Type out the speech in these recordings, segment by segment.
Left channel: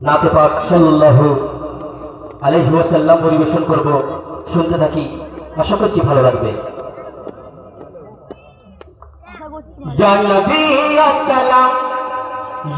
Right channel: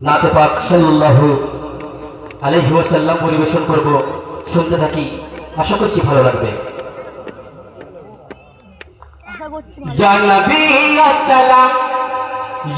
নাতে পাক সাল্লাল্লাহু আলাইহি ওয়াসাল্লাম পরিবেশন করব, শুনতে থাকি, আশা করছি ভালো লাগবে। ইয়া নবী আসসালাম,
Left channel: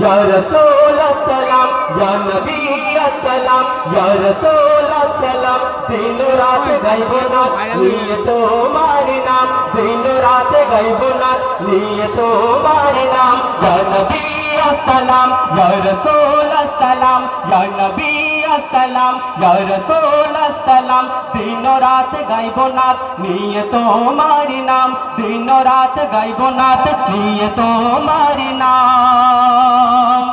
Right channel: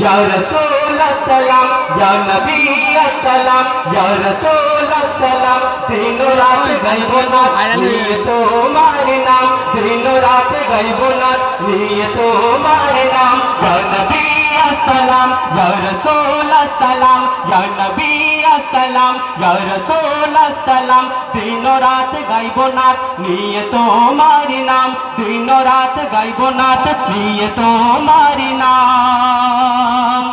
ইয়া রাসূল আসসালাম, ইয়া নবী আসসালাম, ইয়া রাসূল আসসালাম। দিন রাত গাইব না নিয়ে তোমার নাম, দিন রাত গাইব না নিয়ে তোমার নাম। ইয়া নবী আসসালাম, ইয়া রাসূল আসসালাম, ইয়া নবী আসসালাম, ইয়া রাসূল আসসালাম। দিন রাত গাইব না নিয়ে তোমার নাম, দিন রাত গাইব না নিয়ে তোমার নাম।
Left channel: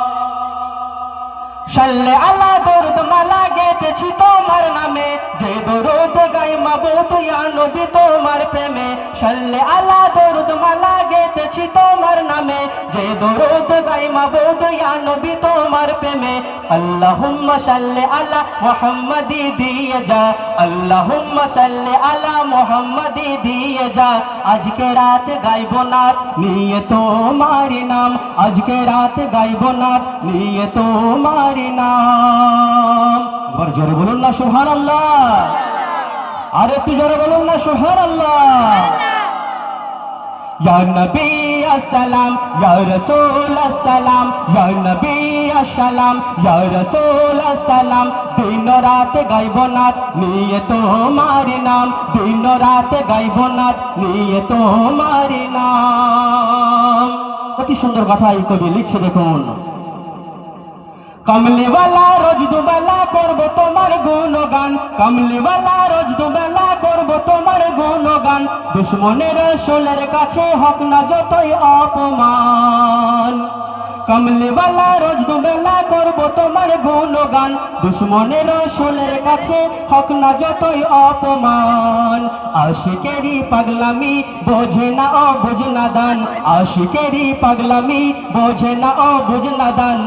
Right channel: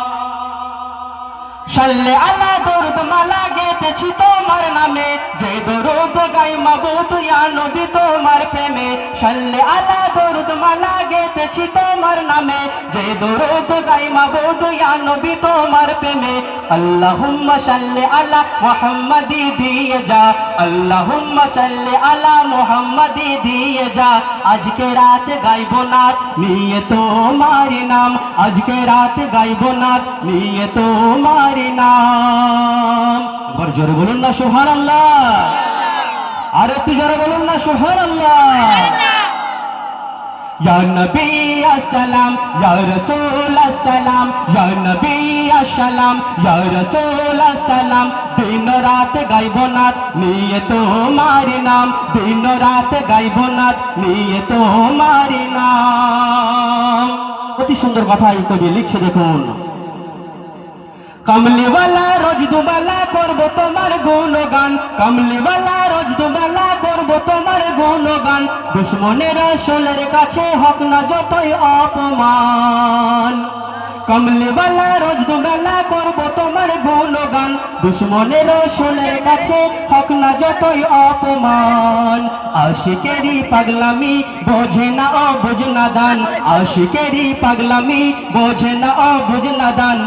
সাল্লে আলা দরুদ মালা গেতেছি তোমার নামে, যে দরুদ গাই মাবুদ ইয়া নবী তোমার প্রেমে। সাল্লে আলা দরুদ মালা গেতেছি তোমার নামে, যে দরুদ গাই মাবুদ ইয়া নবী তোমার প্রেমে। আল্লাহুম্মা সাল্লি আলা মুহাম্মাদি দিয়ে যা, আল্লাহুম্মা সাল্লি আলা মুহাম্মাদি দিয়ে যা। আজকে রাত গাইব না নিয়ে তোমার নাম, আজকে রাত গাইব না নিয়ে তোমার নাম। একবার জোরে বলুন না সুবহানাল্লাহ, আর একটু জোরে বলুন না সুবহানাল্লাহ। ইয়া নবী আসসালাম, ইয়া রাসূল আসসালাম, ইয়া নবী আসসালাম, ইয়া রাসূল আসসালাম। দিন রাত গাইব না নিয়ে তোমার নাম, দিন রাত গাইব না নিয়ে তোমার নাম। অতি সুন্দর কথা এই কবি লিখছে, দেখুন। কমলিওয়ালা রোজ দুবেলা করব তোমার গুণগান, কমলিওয়ালা রোজ দুবেলা করব তোমার গুণগান। দুশ্মনের রসুলের কাছে হক না যতই অপমান, কমলিওয়ালা রোজ দুবেলা করব তোমার গুণগান। দুশ্মনের রসুলের কাছে হক না যতই অপমান। আশিকেরি পাগলামি বোঝে না অবুঝ নাদান, আশিকেরি পাগলামি বোঝে না অবুঝ নাদান।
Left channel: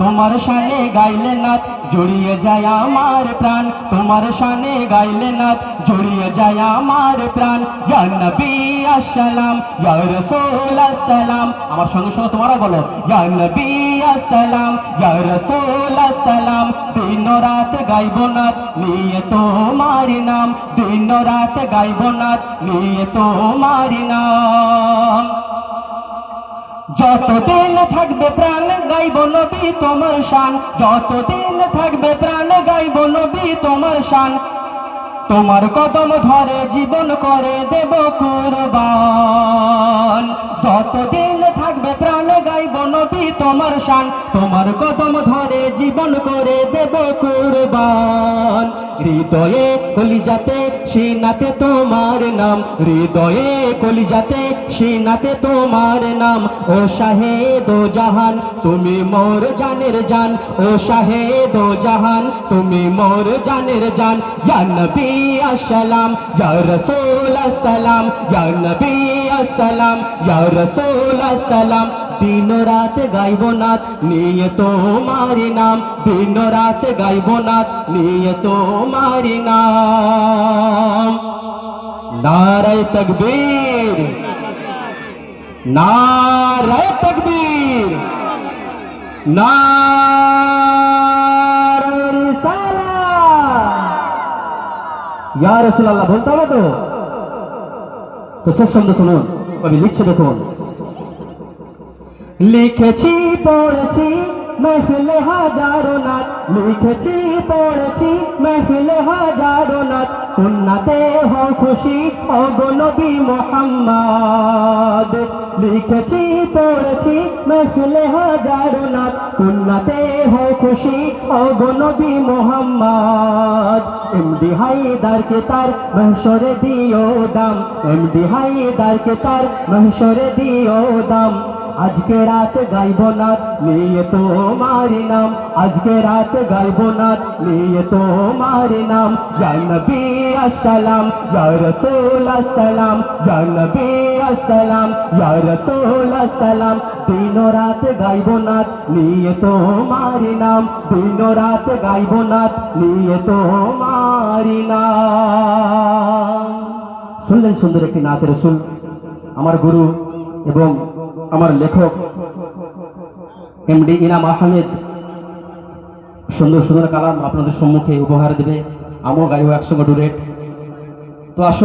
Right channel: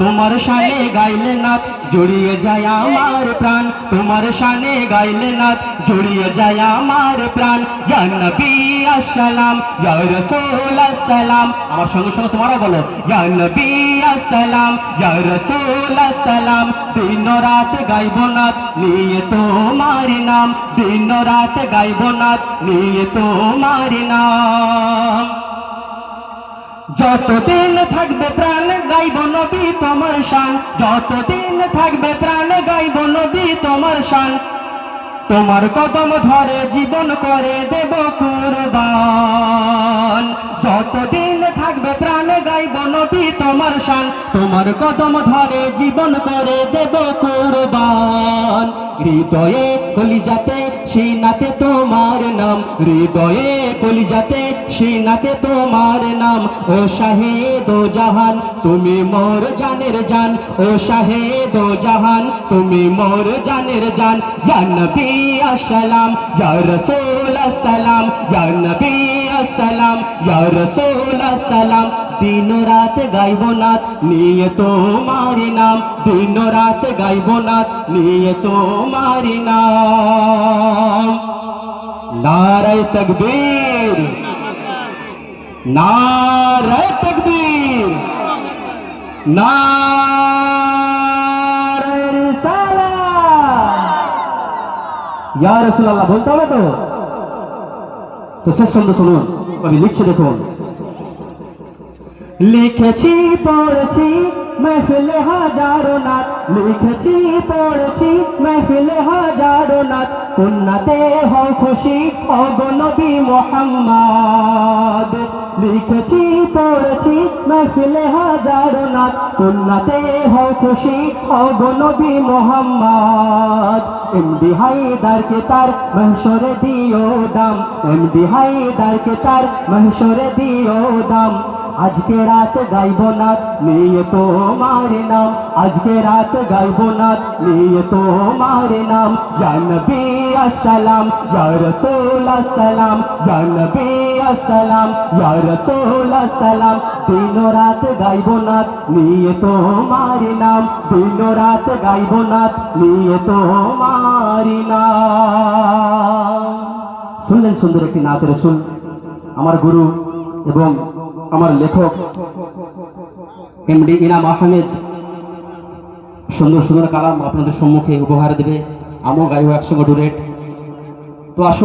তোমার শানে গাইলে নাত জড়িয়ে যায় আমার প্রাণ, তোমার শানে গাইলে নাত জড়িয়ে যায় আমার প্রাণ। ইয়া নবী আসসালাম, ইয়া রাসূল আসসালাম। আমার সঙ্গে সঙ্গে তোমরা বলো, ইয়া নবী আসসালাম, ইয়া রাসূল আসসালাম। দিন রাত গাইব না নিয়ে তোমার নাম, দিন রাত গাইব না নিয়ে তোমার নাম। যতদিন থাকবে প্রাণ গাইব নবী তোমার শান, যতদিন থাকবে প্রাণ গাইব নবী তোমার শান। তোমার কদম ধরে জীবন করে দেব কুরবান, যতদিন থাকবে প্রাণ গাইব নবী তোমার শান। তোমার কদম ধরে জীবন করে দেব কুরবান। হৃদয়ে কলিজাতে সিনাতে তোমার নাম, হৃদয়ে কলিজাতে সিনাতে তোমার নাম। ও শাহেদ ও জাহান তুমি মোর জানের জান, ও শাহেদ ও জাহান তুমি মোর জানের জান। ইয়া নবী আসসালাম, ইয়া রাসূল আসসালাম, ইয়া নবী আসসালাম, ইয়া রাসূল আসসালাম। দিন রাত গাইব নাত নিয়ে তোমার নাম, দিন রাত গাইব নাত নিয়ে তোমার নাম। নারায়ে তাকবীর, নারায়ে তাকবীর, নারায়ে রিসালাত। ইয়া রাসূলুল্লাহ বলতে হবে তো শেষ শব্দ শুনুন, কবি লিখছে, দেখুন। লিখেছি পড়েছি महफिले हजारों नात, लिखेছি পড়েছি महफिले हजारों नात। উন্নতে হো খুশি ও গো নবী মুহাম্মদ, লিখেছি পড়েছি महफिले हजारों नात। উন্নতে হো খুশি ও গো নবী মুহাম্মদ। এমডি হায়দার কে তার महशरे दियो दाम, এমডি হায়দার কে তার महशरे दियो दाम। আজকে রাত গাইব না নিয়ে তোমার নাম, আজকে রাত গাইব না নিয়ে তোমার নাম। ইয়া নবী আসসালাম, ইয়া রাসূল আসসালাম, ইয়া নবী আসসালাম, ইয়া রাসূল আসসালাম। দিন রাত গাইব না নিয়ে তোমার নাম, দিন রাত গাইব না নিয়ে তোমার নাম। শুনলেন সুন্দর একটি নাত রাসূল, আমার গুরু এবং আমার লেখক এমডি ইনাম আহমেদ সুন্দর সুন্দর কালাম আপনাদের সম্মুখে উপহার দেবে, আমিও গাইব একসঙ্গে ডুরেট। তো আসুন।